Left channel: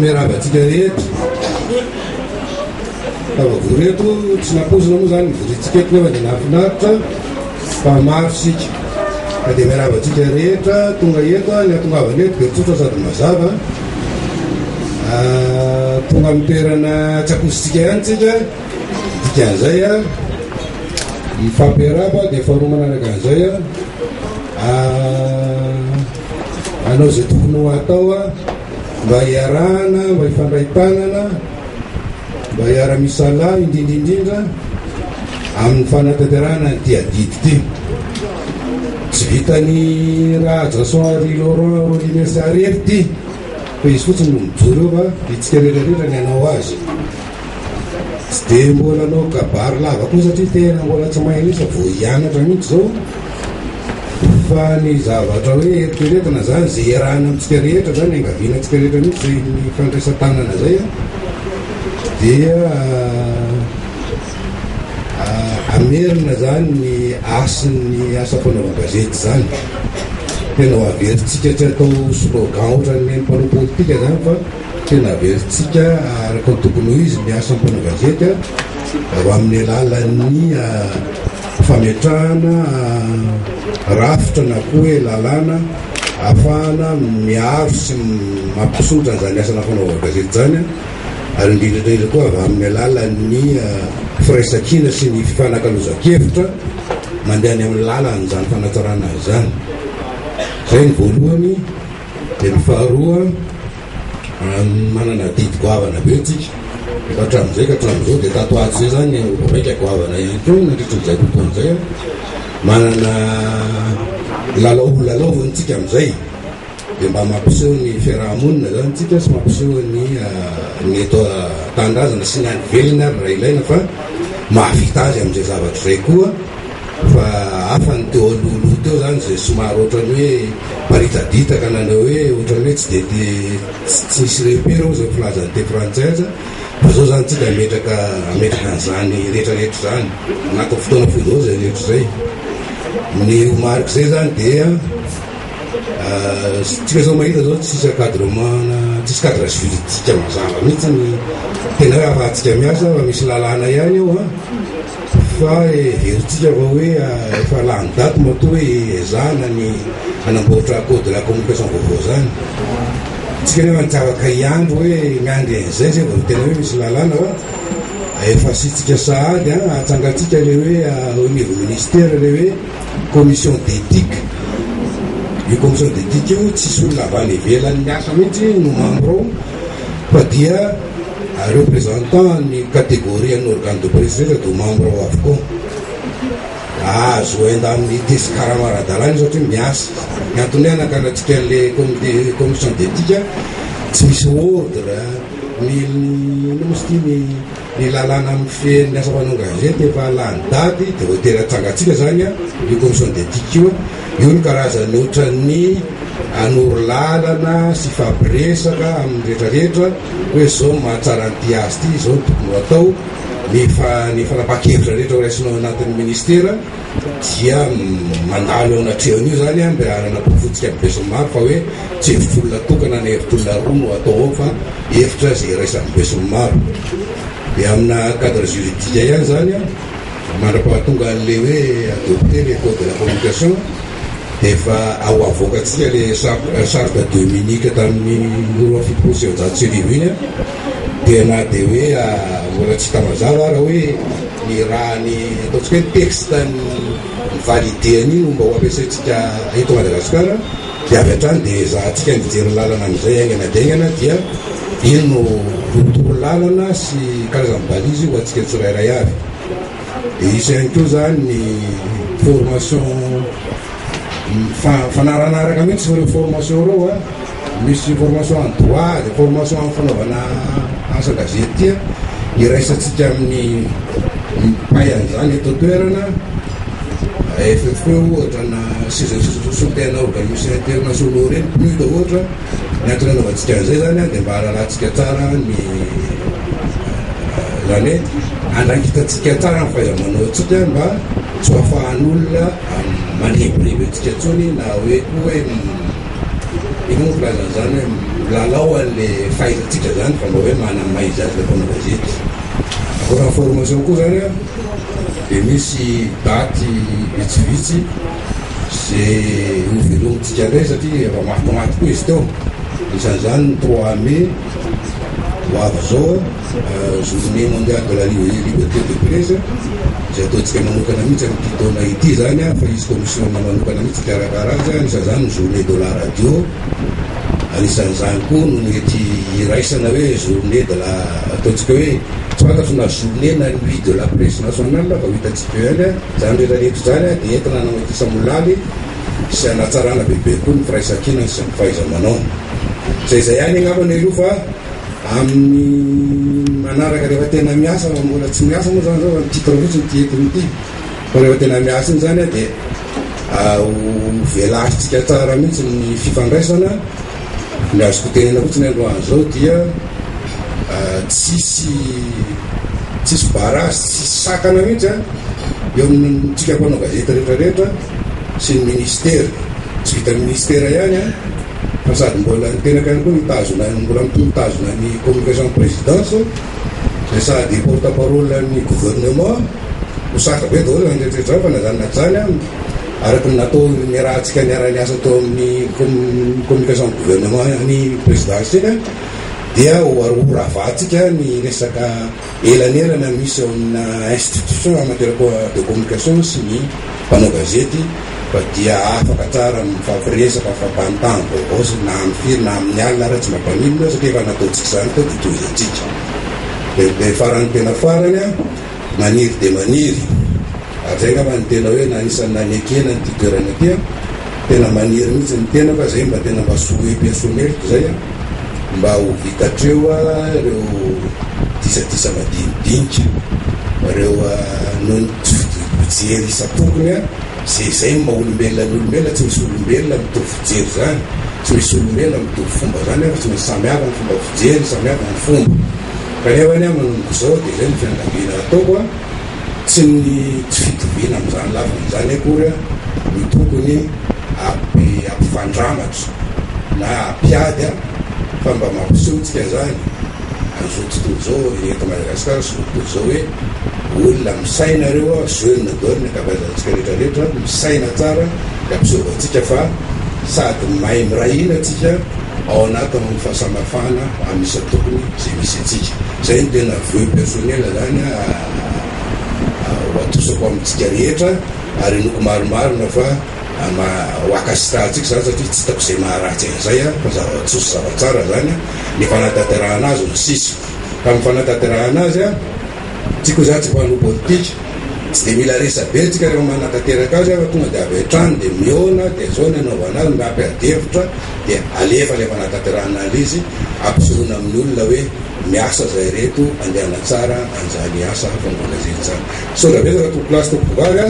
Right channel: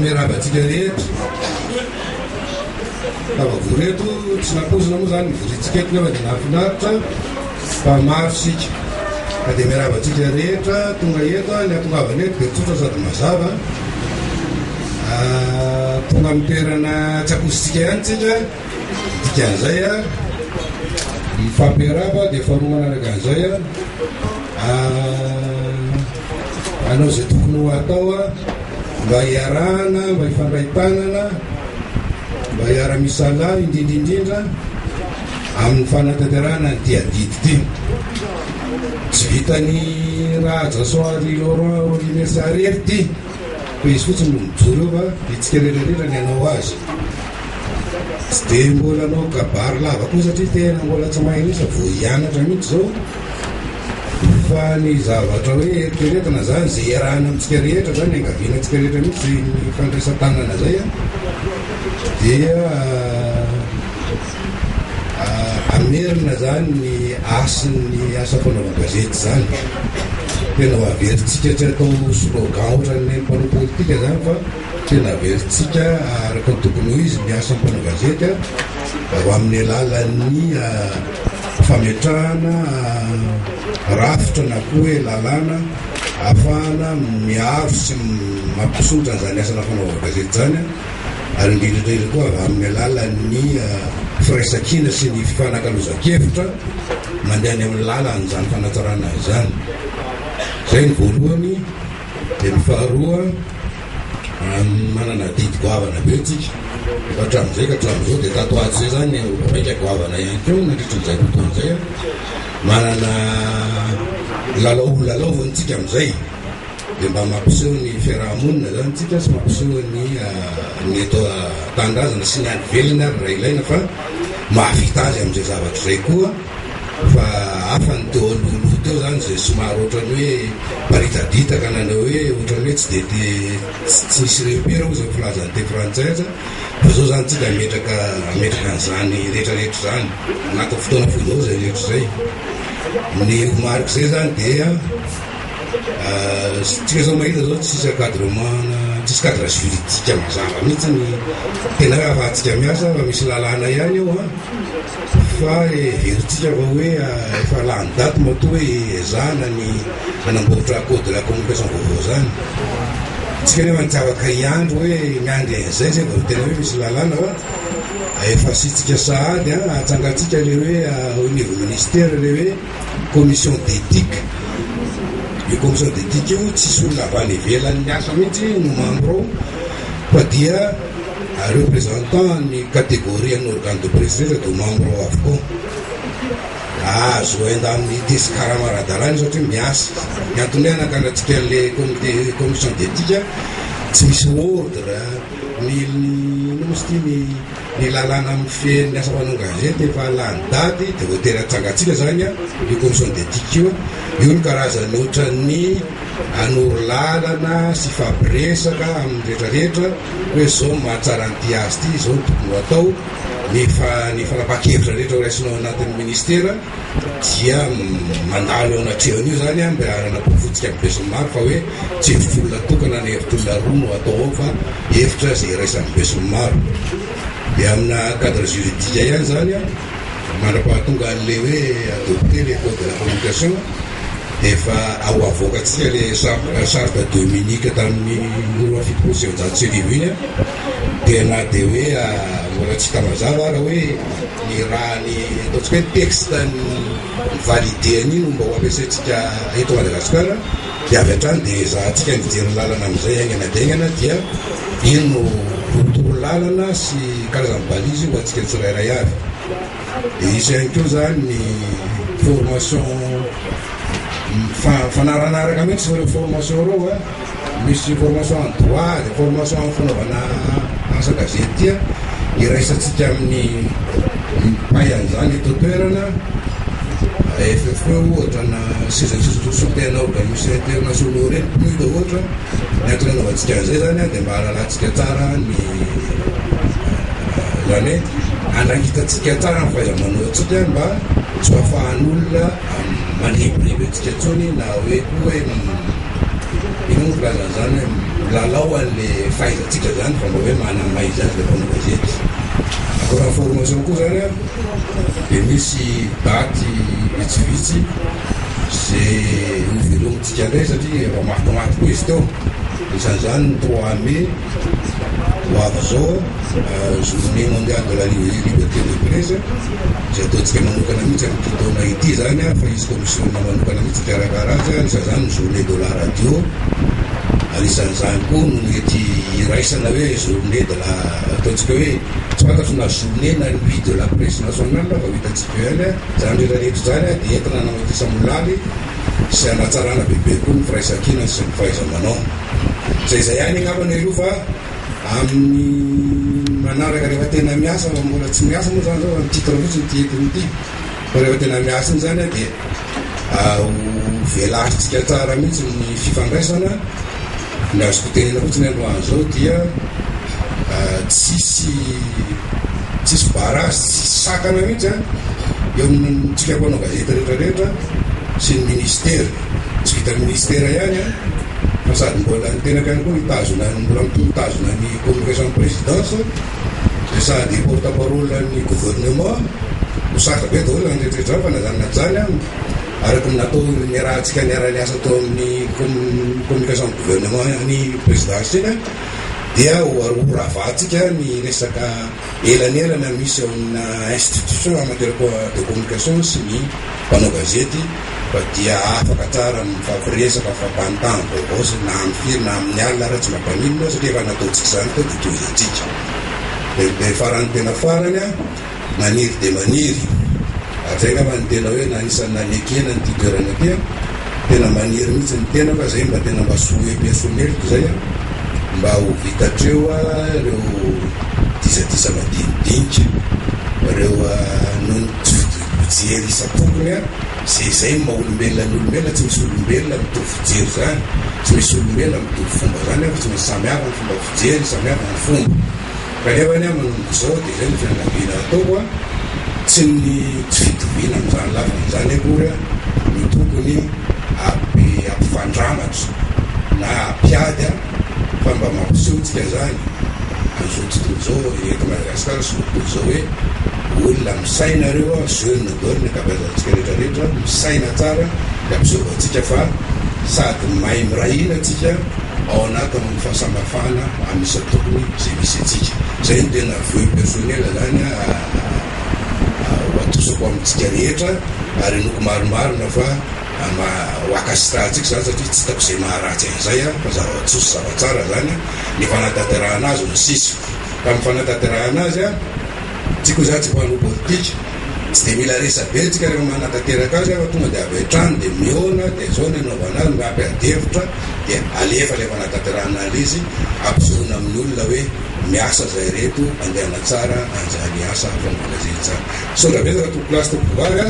miarabatsika rehetra avagoreto tsy napozina moa zany mivoritsika eto nefa dia nahafinaritra fa maro sika ka dia miarabatsika rehetra tonga eto ny atongavana eto dia tsotra sady mazava tonga amin'ny toerana tsy akozitsika ihany tsika dikan'izay a mifampiaraba dia faharoa manaraka an'izay a anao zay tokony ho atao a mba hiarahana mba hifandray tanana mba hiara-misala indrindraindrindra amin'ny fanatanterahana ty adidy ty tsy vitany raha jasoary Laurent Olivier Arefy ty fa izy fotsiny no mijoro eo fa itsika rehetrarehetra ny anao azy tsy dia mbola anao kabary lava koa satria tena mbola tsy mahay mihitsy vo hianatra mihitsy zao fa ny zavatra hoe eritreretina zany zay iarahana amitsika rehetra zany angavianantsika rehetra mihitsy zay ny fandraisan-tanana zay a dia amerina zany ny asin'ny asa fanaova-gazety zany tena ho averitsika tsy atao slogan ohatran'ny mpanao politika zany fa tena averitsika araka ny tokony ho izy miasa mpanao gazety ho amin'ny alalan'ny fametrahana rafitra na koa hoe lalàna ahafahana miaro sy mampisotra an'izany asana fanaova-gazety zany ary indrindrandrindra koa avy amin'ny alalan'ny firaisan-kina sy ny fifanankalozan-kevitra mandeha any amin'ny lalan'izany fanatsarana zany zay ny voalohany dia ny faharoa manana didy goavana be tsika efa hatramin'izay ka hatramin'izao dia tato ato zay zany raika goavana ihany koa nandritran'izay fotoan'izay manana lalaovanytsika amin'izay dia mba mampiseho ny fiarahamonina zany tsika sy mampiseho ny eto tandrazana sy ny any velona ary raha ilaina fa mahavita azy amin'izay zavatra zay koa fa hafa ny teo alohaloha teo zany zay somary ohatrany hoe paritaditaka nanao hoe ohatrany hoe tsy tsy nisy repera o zay filazany te frantsaisa fa zao zany tsika ametraka an'izany rehetrarehetra zany anatin'ny fotoana foizao zay rehetra zay ny omariko zay zany dia tsika zao mahita zao tsisy encadrement tsisy cadre juridique mazava mihitsy ny tena hoe afahantsika miasa fa misy lalàna ihany eo fa veritsika fa hoe efa lany daty matoa hoe ezahana ny anamboatra code de la communication vaovao zany tsika nefa nitsavaka iandro hoe miandry an'izay zay vao tena hoe misy lalàna fa efa sitsika sahady atsangatsika le hoe au niveau ministère le hoe commission d'éthique io commission d'éthique io tsisy olona avy any ivelan'ny miasa mihitsy no membre ao fa dia représentant ny catégorie ny organe de presse rehetra do membre ao avokoa azo enda amin'ny tesy karamaradalany satria miasa miantony hoe anakanatsika an'le commission d'éthique tsy misy ordre ny lalàna amin'ny feny asa fanao gazety efa lany daty dia voatery atsangatsika zany io commission d'éthique io ny karazany ohatran'ny anoro lalana sy fapiresaka amin'ny rehetrarehetra hoe zao mahatsara nyty azy ty zao ny tokony ho atao ny fanapa-kevitra rehetra ho raisinao anatin'ny ministera dia mandalo eo anatrehany io zany mba hanana mpifotsika amin'ny besomaro fa hoe tsy hevitr'olona tokana na hevitr'olona roa no atao ao fa hevitra zay raisan'ny besomaro dia amina cadre juridique ihany zany mandra-pahatonga an'le hoe adopté le code de la communication dia efa ao avoakatsika le charte dominique tamin'ny roa fitopolo sy efajato sy arivo iny dia na dia hoe mbola tsy hita mazava raha hoe ny raha ny ataontsika hoe texte ny validéany iny mba ho ampiasaintsika eto Madagasikara dia avy hatrany dia zahantsika nijery lalana amin'izay aingana dia ino no rotoro lalana sy karazany balizy ho antsika tsirairay avy dia isy ihany koa zany ny formation fanaranaraka mihitsy reo formation reo misy formation en droit de formation en fanaovana asa gazety tia iraisantsika amin'ny mpay an'izany eto toerana FFE ohatra na soutena organisation internationaux reny PNUD ohatra ny antony anaovantsika an'izay zany dia mba halalantsika tsara ny zany hoe andrangitatsika tsara ny fahaiza-manao atsika mba tsy hafahan'olona maneboneby atsika tsony na hoe koa hoe ino filazana zany hoe lalao an'le fahaizatsika zany fa mba hoe manamaiza azy le mpanao gazety. Akoatra formation koa zany a dia misy daty vitsivitsy zay hovelomitsika indray satria efa mafimafy koa izy teo. Isan'izany 3 mai ho avy zao journée mondiale de la liberté de presse zay ataontsika manokana mihitsy amin'ity taona ity zany a fa izy commission manokana mihitsy karakara azy. Anisan'izany journée de la radio, anisan'izany koa no mety iraisana hoe journée de la ataontsika hoe tsy fantatro na journée na nuit de la presse nationale fa hitatsika eo ihany zany rehetrarehetra zany a dia entina namatisa molaly sy anatsarana bebe koa ny firaisan-kina sy ny fahaiza-manao. Zay ihany angambany aloha fa amin'ny manaraka rehefa tena miasa fa mbola tsy miasa moa zany zao amin'ny titre fotsiny ty entiny ity fa rehefa tena miasa iny zany a dia velasitsika tsara mihitsy ny fifandraisana. Ny azoko tenena fotsiny androany zao dia tsisy barasy tsisy sakana mihitsy a eo amintsika mpanao gazety rehetrarehetra sy ny ministera. Tsy vita ministera ihany a fa sady mbola ny tenaka ihany koa mitazona mbola mitazona ny communication présidence dia sady porte parole ny gouvernement ho saka be daholo zany rehetrarehetra fa nazanona zany a araky natao ny rahantsika niara-ny asa tao amin'ny communication gouvernement ny présidentielle dia hoarahavatsika ny resaka elanelana misy ao amina institution en matière de communication sy ny mpanao gazety fa dia afaka tsara mifampiresaka fampanontany vaovao sy na amin'ny firy na amin'ny alina raha tsy mampanino satria efa nataontsika zany tao ditoizantsika. Dia farany tena farany a maniry de maniry ary zay ngamba ny tena hoe na isan'ny nanekena ny ty toerana ty a tena maniry mihitsy ny tena fa zay mba tena mba soe personnelko zay a mba ho vitatreo a reo disadisa madinidinika reo noho tsy fijery isa-tokony a zay maha olombelona ny olombelona tsy misy olombelona mitovy fijery zany tsy misy olombelona mitovy fomba zany fa tsy misy samihafa ny fomba fijery samihafa ny fomba kanefany a manomboka zao dia zay ny fianakaviana ataoko a tsy fitoviana amin'izany lafan'izany akory a ny tokony ampifandramatra na ampiady a fa mba mampisehotsika zany an'izao tontolo zao eto Madagasikara sy tontolo zao hoe olona misaina reo a jeune dole kabazantsika rehetrarehetra misaina tsara dia ampisehovatsika fa sady mahay mirahina atsika ao anaty amin'ny fahasamafana amin'isa tokony zay misy atsika. Zay ny tena vœu personnel zany ho atosako amintsika rehetra ary noko maromarona fa hoakasitrahantsika zany satria tsy hitako zay maharatsy an'izay a fa zava-tsoso zava-tsara zany ny fanatanterahana azy no sisy ka amin'ny fanatanterahana azy a tsiko za tsy mpanao politika tsy dia mila resa be tsika rehefa manatanteraka azy fa tonga dia avy hatrany dia miona dia zao ny anaovana azy mba ampiadevitra dia alefa le fanatanterahana azy izy ampisehoana amin'ny olona hoe miasa zay reto andehana tsara anjany asa fa mbola zay tsara. So da betaka tompo plasy tompo vary a